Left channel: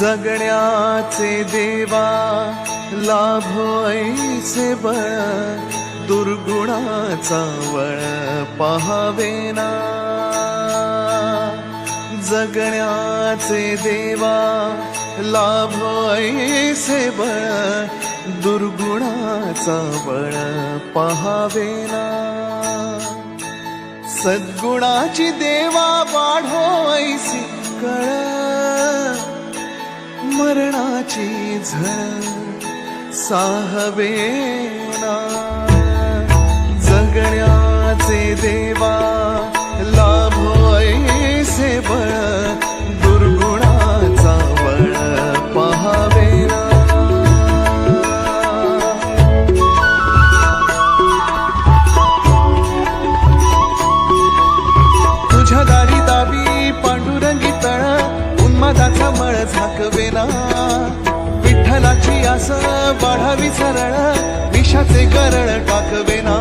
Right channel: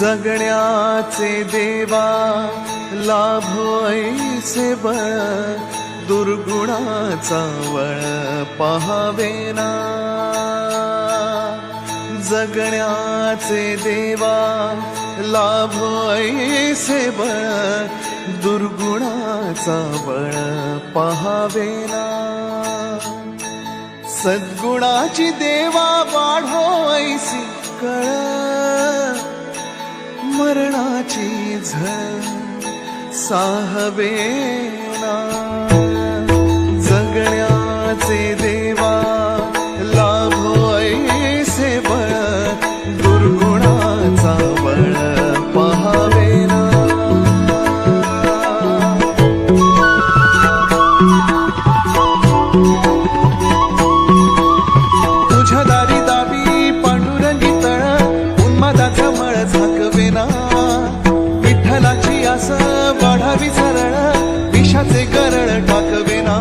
जगण्याचे देवा लाभो ऐसे बळ, दुर्गुणाचा वळ पहावेना। जगण्याचे देवा लाभो ऐसे बळ, दुर्गुणाचा बळ पहावेना। सद्गुणाची देवा वाढो ऐसी कळ, मरणाची झळ साहवेना। जगण्याचे देवा लाभो ऐसे बळ, दुर्गुणाचा बळ पहावेना। तुझ्या दारी दावी पांडुरंगी तळ, उन्मादाचा मळ झाकवेना। विठ्ठलाची आस वाढावी सरळ, विषाचे गरळ टाकवेना।